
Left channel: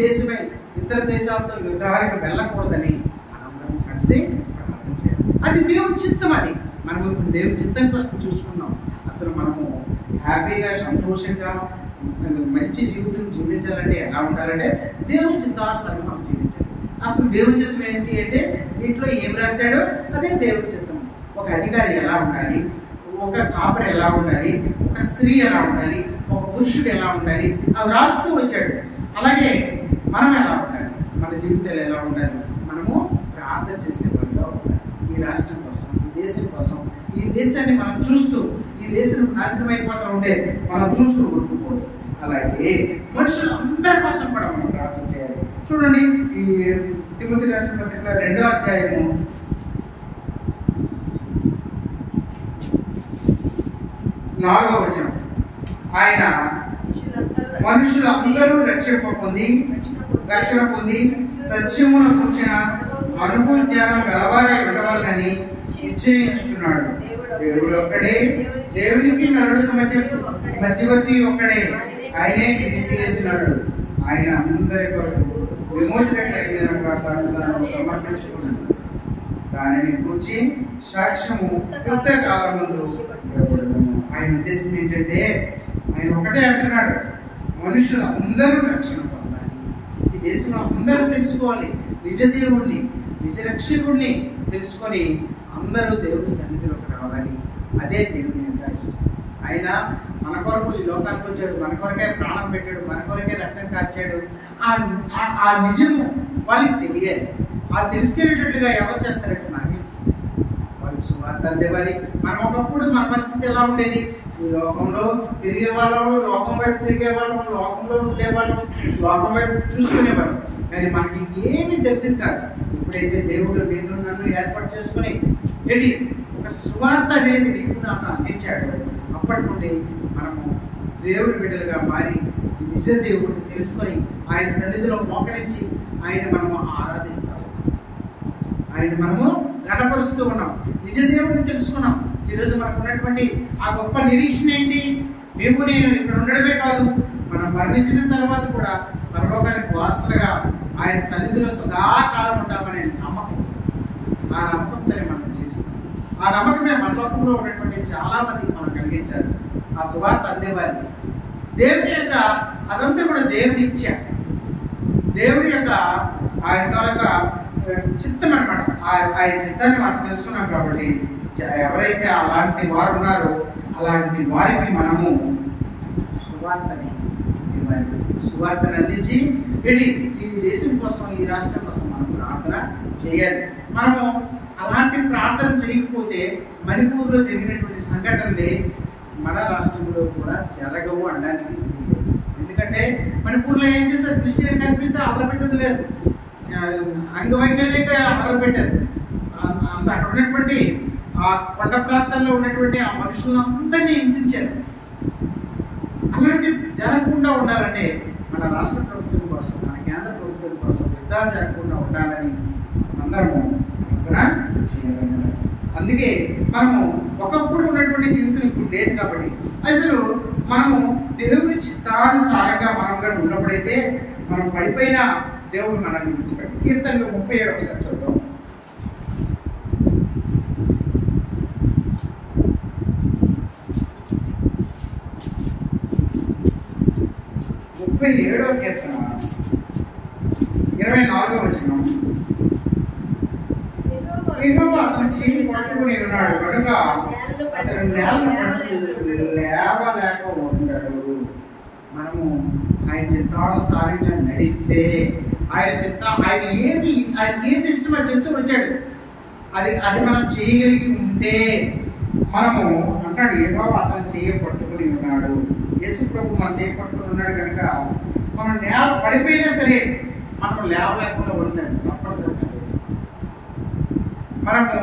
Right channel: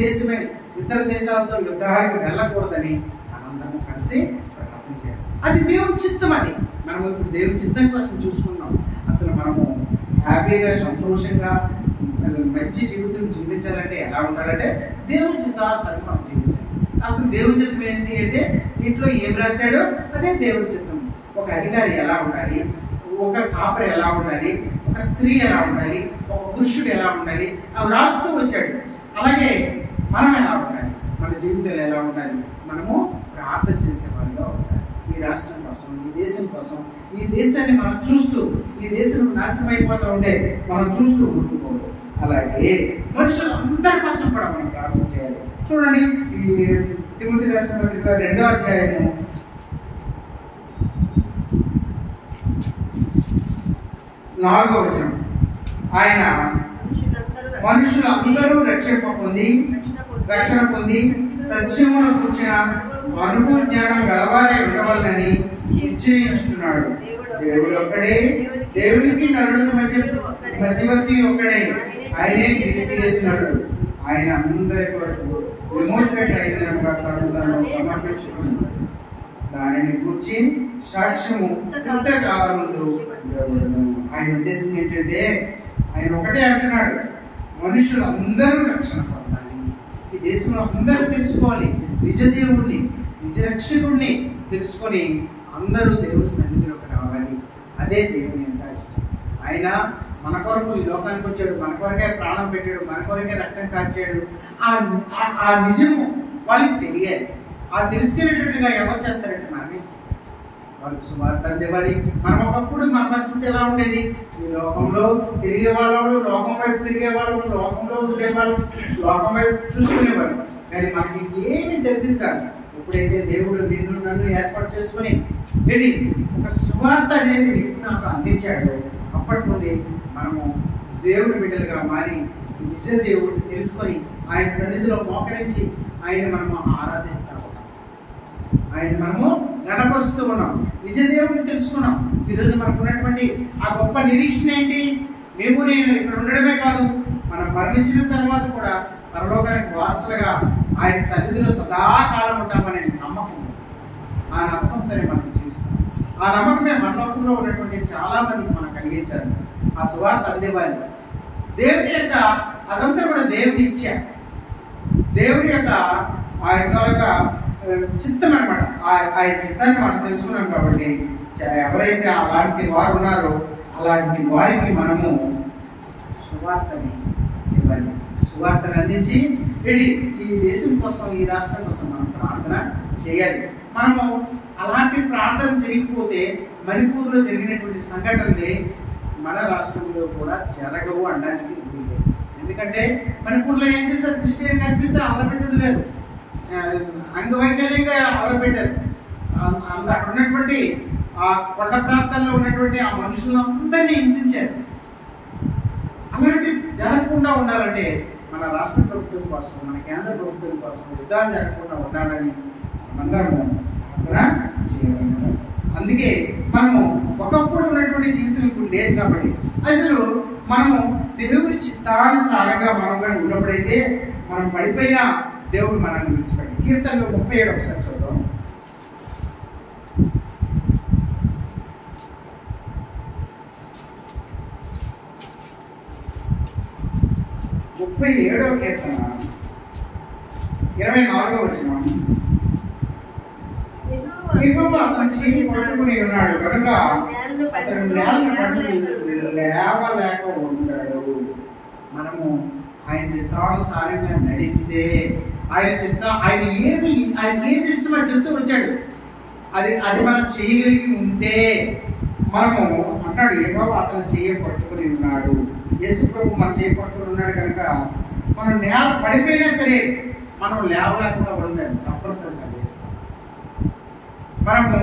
దేశమే ఇతర దేశాలతో యుద్ధాలకు వెళ్ళకూడదని మనందరం కలిసి ప్రార్థన చేయాలి. అది దేవుని చిత్తం. అది మనము ఇప్పుడు దేవుని చిత్తం కోసం చూసుకున్నాం. అసలు మనము హ్యాపీగా, సంతోషంగా మంచి జీవితం జీవించాలంటే ఎలా ఉండాలంటే దేవుని చిత్తానుసారం మనం జీవించాలి. అసలు దేవుని చిత్తం ఏంటి అంటే దీంట్లో ఏం రాశాడో అదే దేవుని చిత్తం. ఒక అధికారి ఎలా ఉండాలి, ఒక కాపరి ఎలా ఉండాలి, ఒక స్త్రీ ఎలా ఉండాలి, ఒక పురుషుడు ఎలా ఉండాలి, అవి రాస్తూ వచ్చాడు. అలాగే మనం ఎలా ఉండాలి, మన జీవితాలు ఎలా ఉండాలి, మనము ప్రార్థన చేసేవాళ్ళుగా ఉండాలి. ఈ రాష్ట్రం కోసం, ఈ దేశం కోసం, ఈ దేశాన్ని మనం చూస్తూ, ఈ దేశం నాశనం అయిపోతూ ఉంటే మనం చూస్తూ ఊరుకోకూడదు. అలాగే మనుషులందరి కోసం కూడా మనం ప్రార్థన చేయాలి. చూడండి, ఈ తిమోతి రాసిన పత్రికలో 2వ అధ్యాయము 4వ వచనం, ఆయన మనుషులందరూ రక్షణ పొంది సత్యమును కూర్చిన అనుభవ జ్ఞానం గలవారే ఉండవాలని నిశ్చయించుతున్నాడు. దేవుడు ఒక్కడే, దేవునికి నరుడికి మధ్యవర్తి ఒక్కడే, ఆయనే క్రీస్తు యేసు. ఆయన అందరి కొరకు విమోచనగా తను సమర్పించుకున్నాడు. దానిని గురించి సాక్ష్యము యుద్ధకాలమందు ఇవ్వబడును. ఆయన ఉద్దేశం ఏంటంటే ఆయన ఒకటే అంటున్నాడు, మనుషులందరూ రక్షణ పొందాలి. ఈ దేశంలో అందరూ తెలుసుకోవాలి, నిజ దేవుడిని, నిజ రక్షకుడిని తెలుసుకొని అందరూ దేవుని సన్నిధిలోకి రావాలి. అదే దేవుని యొక్క ఇష్టం. ఆయన మన కొరకు ఈ లోకానికి వచ్చాడు, మన కొరకే ప్రాణం పెట్టాడు, మన కొరకే రక్తం కార్చాడు. ఆ నిజము వాళ్ళకి తెలియాలి. ఆ తెలుసుకునేటట్లుగా ఎవరు చేస్తారంటే మనమే వాళ్ళకి సువార్త అందేవారి. మనం ఒకప్పుడు మన పరిస్థితి ఎలా ఉండేది, ఈ లోకంలో తిరిగే వాళ్ళం, లోకం వైపు తిరిగే వాళ్ళం, లోకంలో ఉండేవాళ్ళం, లోకం వైపు చూసుకునేవాళ్ళం. కానీ మనకి ఏమీ తెలిసింది కాదు. ఎప్పుడైతే దేవుడు నిన్ను నన్ను ఏర్పాటు చేసుకుని ఒక సువార్త అనేది నీకు నాకు అందించాడు, అప్పటి నుండి మనము దేవుని బిడ్డలుగా మారి నిజ దేవుడిని తెలుసుకొని ఆయన సన్నిధిలో మోకరించి ఆయన మనము ఆరాధిస్తూ ఉన్నాం, ఆయన మనము గణపరుస్తూ ఉన్నాం, నిజ దేవుడిని తెలుసుకున్నాం. ఈరోజు మనకు ఉన్నటువంటి ఆ గొప్ప నిరీక్షణ ఏంటి? మేము నేను ఇక్కడ ఉండడమే కాదు, మనం మరణించిన తర్వాత కూడా పరలోకానికి వారసులుగా ఆయన సన్నిధిలో సదాకాలం ఉంటామనే నమ్మకం. ఆ నమ్మకంతోనే మనం జీవిస్తాం. ఆ నమ్మకమే మన లోకంలో ఉన్నటువంటి చాలా మందికి మనం కలిగించాలి. ఆ సువార్త అందేవాలి. దేవుని యొక్క అదంతా కూడా దేవుని ఇచ్చ, దేవుని యొక్క ఆయన చిత్తం అనమాట. ఆయన చిత్తాన్ని మనం తెలుసుకున్నాం. కాబట్టి ఎవరైతే అలాంటి వారు ఉన్నారో అలాంటి వారికి మనము సువార్తని ఇవ్వాలి. సువార్తను అందించి ఈ దేశం కోసం, ఈ రాష్ట్రం కోసం మనం ప్రార్థన చేయాలి. మనము అలాంటి ప్రార్థన చేయకపోతే మణిపూర్లో జరిగినటువంటి సంఘటనలే మన రాష్ట్రంలో కూడా జరగవు అనడానికి లేదు. ఎందుకంటే మణిపూర్లో ఏం చేస్తారు, క్రిస్టియన్ కనిపిస్తే అల్లపెట్టేది లేదు, అంగవైకల్యంగా అల్లపెట్టారు. అక్కడ ఉన్నటువంటి ఆ కొండ ప్రాంతాల్లో ఉన్నటువంటి ఆ మనుషులందరినీ హింసించారు. అలాంటి జరగకుండా ఉండాలంటే మన రాష్ట్ర ప్రభుత్వం కోసం, మన కేంద్ర ప్రభుత్వం కోసం యుద్ధాలు జరగకుండా ఉండాలని అందరము ప్రార్థన చేయాలి. అందుకే మనము ఒకప్పుడు ఉన్నటువంటి జీవితం ఇప్పుడు లేదు. కాబట్టి అసలు మనము దేవుని చిత్తానుసారంగా మనంగా ఉన్నప్పుడైతే మనం పడిపోయిన దేవుడు మనల్ని విడిచిపెట్టి. కీర్తనలో 37 ఒకసారి చూద్దాం. 37వ కీర్తన 24వ వచనం. యెహోవా అతని చేయి పట్టుకుని ఉన్నాడు కనుక అతను నేలను పట్టుకుని లేవలేక ఉండడు. మనము ఆయన చిత్తానుసారంగా నడిస్తే ఆయన ఏది ఇష్టమో అది చెప్తూ వచ్చాడు. అది మనం చేయగలిగి ఉంటే మనము అంటాడు యెహోవా అతను చేయి పట్టుకుని ఉన్నాడు. యేసు ప్రభు మన చేయి పట్టుకుని ఉన్నాడు కనుక మనం నేల పడిపోయినా సరే మనం లేవలేకుండా ఉండలేము, తప్పనిసరిగా చేస్తాం. మనము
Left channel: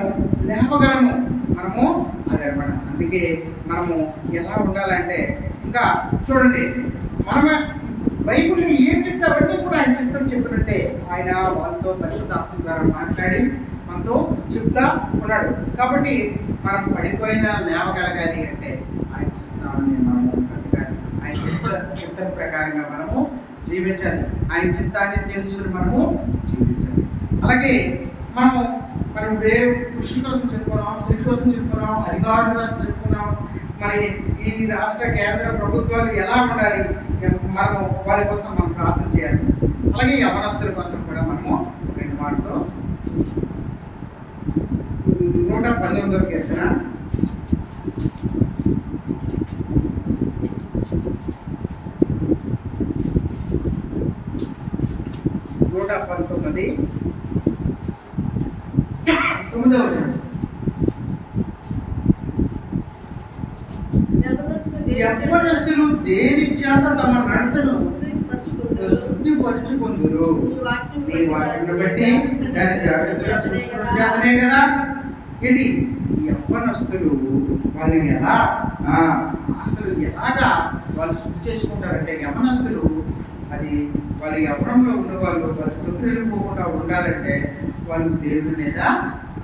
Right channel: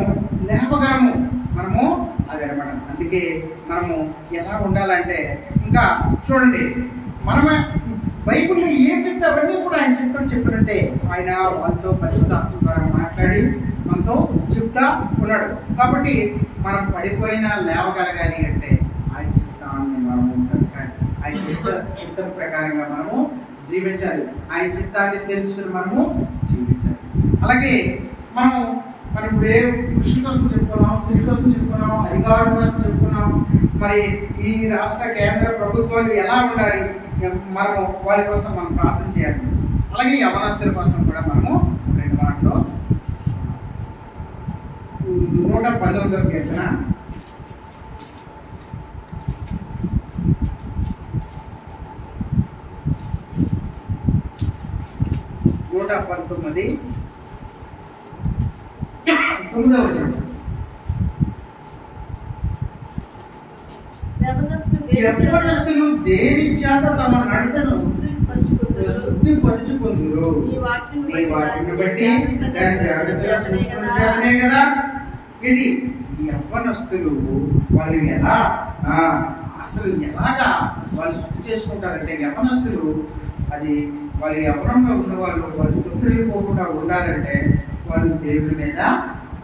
లేవగలము, మనము అదనమాట. అందుకే మనము ఎలా ఉండాలంటే ఇంకా చూడండి, మనము బైబిల్లో ఏం చెప్తే అవన్నీ కూడా ఆయన చిత్తం చెప్పినట్టే ఆయన వాళ్ళతో పరిశుద్ధాత్మ ద్వారా మాట్లాడి మనతో చెప్తా ఉన్నాడు. కాబట్టి మనం పడిపోయినా లేవగలగాలి అంటే ఆయన చిత్తాన్ని మనం ఉంటుంది. కానీ ఆయన చిత్తం ప్రకారంగా మనము జీవించాలి. ఆయన చిత్తాన్ని తెలుసుకుని మనము జీవించాలి. అలాగే మనం వేరే కృషి కోసం చెప్పుకున్నాం, స్త్రీ కోసం చెప్పుకున్నాం, అధికారుల కోసం చెప్పుకున్నాం. మరి ఈ రాష్ట్ర కేంద్ర ప్రభుత్వాలు ఎలా ఉండాలి, మనము వాళ్ళ కోసం మనం ప్రార్థన చేయాలి. అలాగే యవనస్తుల కోసం కూడా మనము 2 మాటలు చూసుకున్నాం. 119వ కీర్తన 119 9వ వచనం. యవనస్తులు దేని చేత తమ నడతను శుద్ధిపరుచుకుందురు, నీ వాక్యమును బట్టి దాని జాగ్రత్తగా చూసుకున్న చేతనే కదా. ఇది యవ్వనస్తులు వాళ్ళు ఎలా అసలు ఎలాగా వాళ్ళు శుద్ధి చేసుకుంటారంటే, యవ్వనస్తులు అది వాళ్ళ యవ్వనంలో ఉన్న వాళ్ళు తొట్టిల్లిపోకుండా ఉండాలంటే వాళ్ళు దేవుని మీద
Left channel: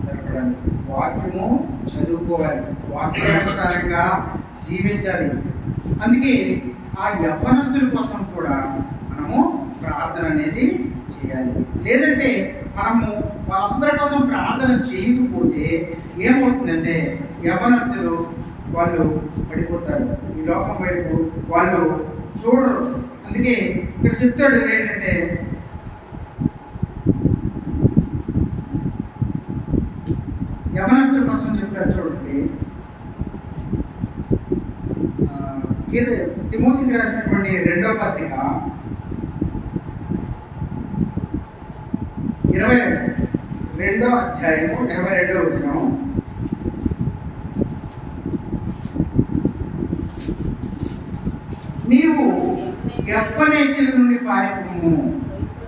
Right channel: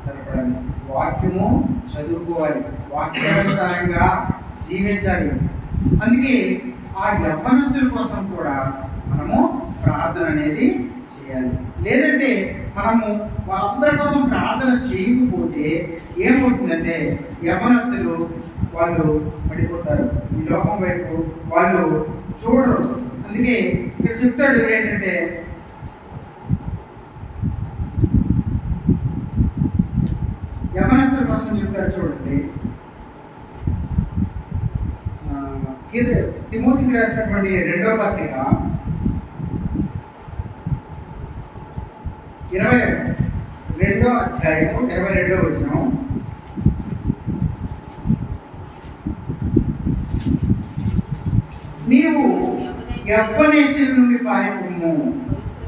ఆధారపడాలి, వాక్యము చదువుకోవాలి, వాక్యానుసారంగా జీవించాలి. అందుకే ఆ యవ్వనస్తుల కోసం కూడా మనము ప్రార్థన అనేది చేయాలి. లేదంటే మనము వాళ్ళందరి కోసం ప్రార్థన చేయకపోతే ఏమవుతుందంటే యవ్వనస్తులు వాళ్ళు పడిపోతారు, ఈ లోకం వైపు వాళ్ళు చూడరు. అందుకే ఇక్కడ చెప్తాడు ఏంటంటే, యవనస్తుల కోసం చెప్తారు చూడండి. తిమోతికి రాసినటువంటి 2వ పత్రిక 22వ అధ్యాయము 22వ వచనం. నీవు యవ్వనేచ్ఛల నుండి పారిపోము,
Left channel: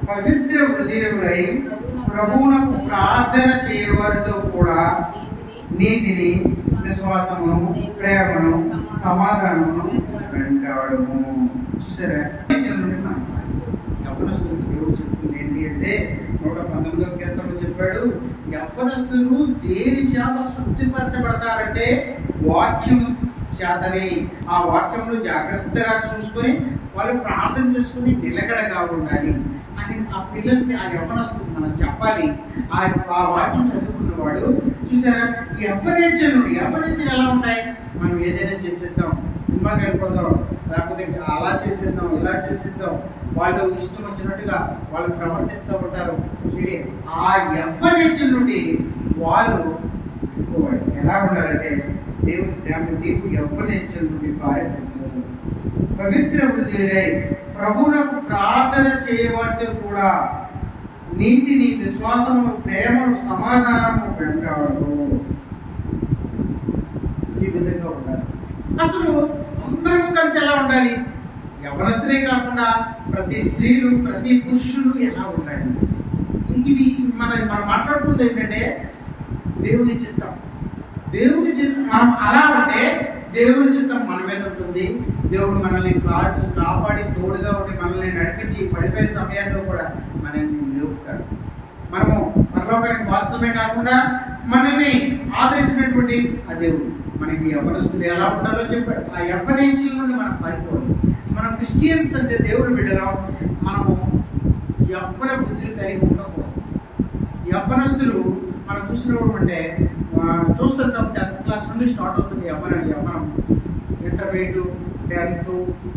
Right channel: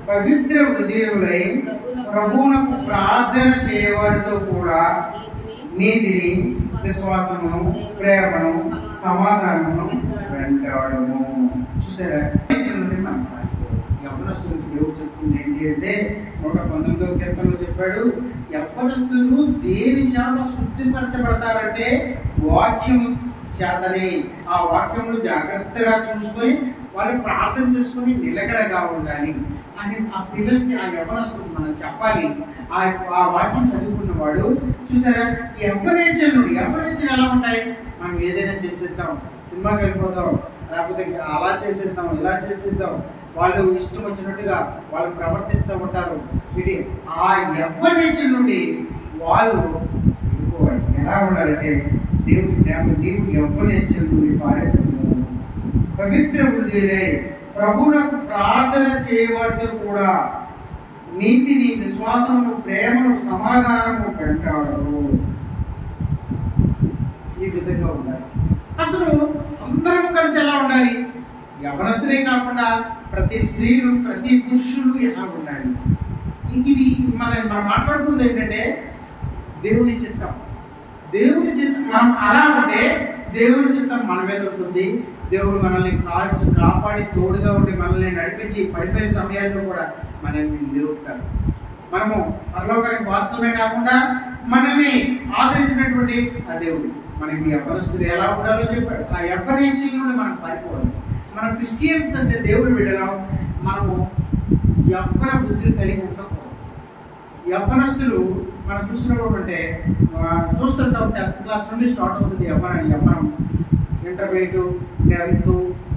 పవిత్ర హృదయులై ప్రభువునకు ప్రార్థన చేయవారితో కూడా నీతిని, విశ్వాసమును, ప్రేమను, సమాధానమును వెంటాడము. చూసారా, నుండి మనం పారిపోవాలి. యవ్వనస్తులు దేవుడు చెప్తుంది ఏంటి అంటే 119వ కీర్తనలో చెప్పాడు, యవ్వనస్తులు దేని చేత శుద్ధిపరచబడతారంటే వాక్యము చేతనే. ఆ వాక్యములు జాగ్రత్తగా చూసుకొని వాళ్ళు ప్రార్థన చేసుకుని నిలకడగా ఉండాలి అని ఆ పిల్లలకి, ఆ యవ్వనస్తులకు మనం చెప్పాలి. ఆ వాక్యం చదువుకున్నవాడు చూసారా, యవ్వనేచ్ఛలు ఎలా ఉంటాయి, మనం ఏదైనా చేసేద్దాం, సినిమాకి వెళ్ళిపోదాం, లేకపోతే అలా చేసేద్దాం, ఇలా చేసేద్దాం, వాళ్ళు ఇష్టం వచ్చినట్టుగా వాళ్ళు ప్రవర్తిస్తూ ఉంటారు. ఇది ఆ యవ్వనేచ్ఛల నుండి వాళ్ళు ఎలా ఉండాలంటే, దేవుని ప్రేమ, నీవు యవ్వనేచ్ఛల నుండి పారిపోము, పవిత్ర హృదయులై ప్రభువునకు ప్రార్థన చేయవారితో కూడా నీతిని, విశ్వాసము, ప్రేమను, సమాధానము వెంటాడు. ఈ విధంగా ఉండాలి. అసలు అందరూ కలిసి ఎలా ఉండాలి, యవ్వనస్తులే కాకుండా ప్రతి స్త్రీలు, ప్రతి పురుషులు ఎలా ఉండాలి. ఇది మనం మాట్లాడుతుంది ఏంటంటే దేవుని చిత్తం. మనం అలా ఉంటే దేవుని చిత్తం మన మీద ఉంటుంది. దేవుడు మనల్ని కాపాడి తోడుగా ఉండి మనల్ని నడిపించి పడిపోయిన సమయాల్లో కూడా మనల్ని లేపుతాడు. మనము పరలోకానికి వారసులమే కాకుండా మనల్ని ఆదరించినటువంటి ఆ దేవుడు మనకి యవ్వనస్తులు ఎలా ఉండాలో చెప్పాడు. ఆ యవ్వనేచ్ఛల నుండి మనం పారిపోవాలి. మనం క్రిస్టియన్స్ అంటే దేవుడు బిడ్డలం, మనము యవ్వన బుద్ధులు కలిగి ఉండకూడదు. యవ్వనస్తులు మనం చూసినప్పుడు అంటే చూస్తుంటాం, 10th క్లాస్ నుండి స్టార్ట్ అవుతుంది యవ్వనం. ఇంటర్మీడియట్, 10th,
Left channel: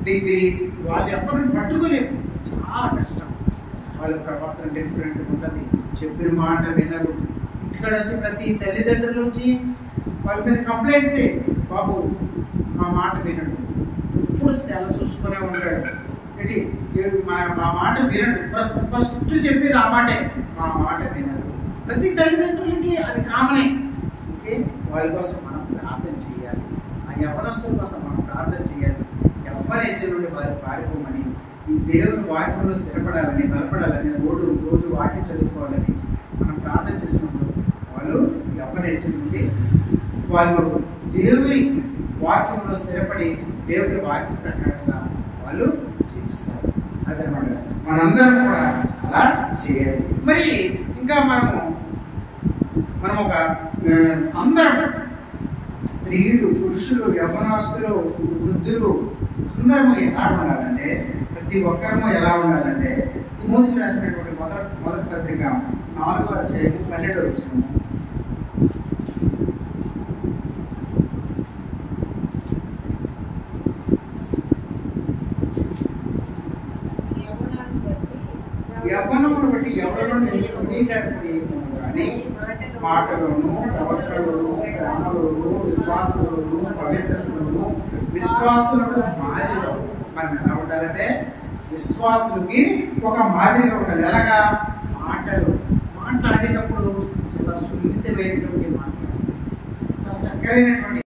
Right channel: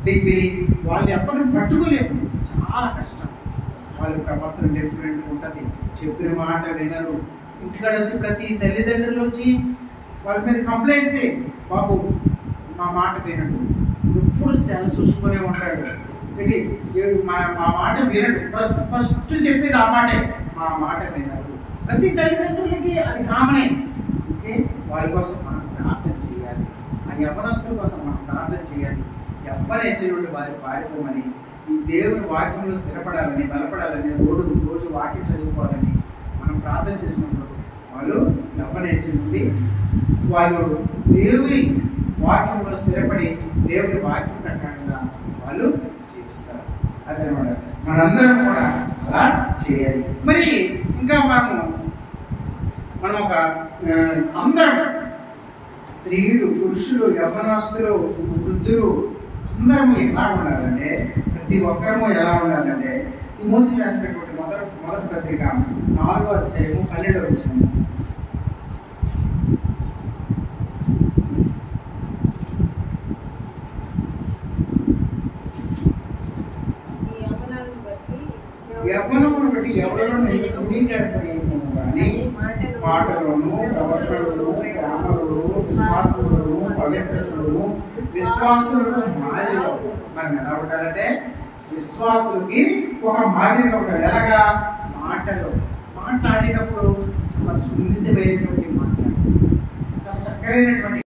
డిగ్రీ, వాళ్ళు ఎవరిని పట్టుకోలేము, చాలా కష్టం. వాళ్ళ ప్రవర్తన డిఫరెంట్ ఉంటుంది, చెప్పిన మాట వినరు. ఇంటికాడ వచ్చి ప్రతి తల్లిదండ్రుల నుంచి వాళ్ళ మీద కంప్లైంట్సే, బాబు మా మాట వినడు, ఎప్పుడు సెల చూసుకునే ఉంటాడు, ఏంటి మా మాట వినడు, ఫస్ట్ చెప్పేది ఆ మాటే, మా మాట వినరు. ప్రతి తల్లిదండ్రులకి అది కామనే. ఓకే, వాళ్ళ కోసం మనం ప్రార్థన చేయాలి, ఆ యవ్వనస్తుల కోసం మనం ప్రార్థన చేయాలి. ఎవరి హెచ్చ నుండి వారి పారిపోమని, ఈ దేవుని వాక్యంలో స్థిరపడాలని, బలపడాలని, రోజు వాక్యం చదువుకోవాలని మనం ప్రార్థన చేసినప్పుడు వాళ్ళు ఎవరి హెచ్చ నుండి వాళ్ళు దేవుని వాక్యంలో స్థిరపడి దేవుని వాక్యం ప్రకారంగా వాళ్ళు జీవిస్తారు. అదనమాట, మనందరం కూడా అలా చేయాలి. మరి ఇంకా మనం ఒక అందరం స్త్రీలు, పురుషులు, యవ్వనస్తులు, వృద్ధులు అందరము ఎలా ఉండాలంటే, ప్రతి ఒక్కరము ఎలా ఉండాలంటే, తిమోతికి రాసినటువంటి మొదటి పత్రిక 4వ అధ్యాయము 12వ వచనము. యవ్వనమును బట్టి ఎవరిలో నవీకరింపనీయము కానీ మాటలోను, ప్రవర్తనలోను, ప్రేమలోను, విశ్వాసంలోను, పవిత్రతలోను, విశ్వాసులకు మాదిరిగా మనం ఎలా ఉండాలంటే, విశ్వాసులకి ఒక మాదిరిగా ఉండాలి. ఎలాగా? మాట్లాడేటప్పుడు చాలా సున్నితమైనటువంటి మాట్లాడాలి, చాలా చక్కరైనటువంటి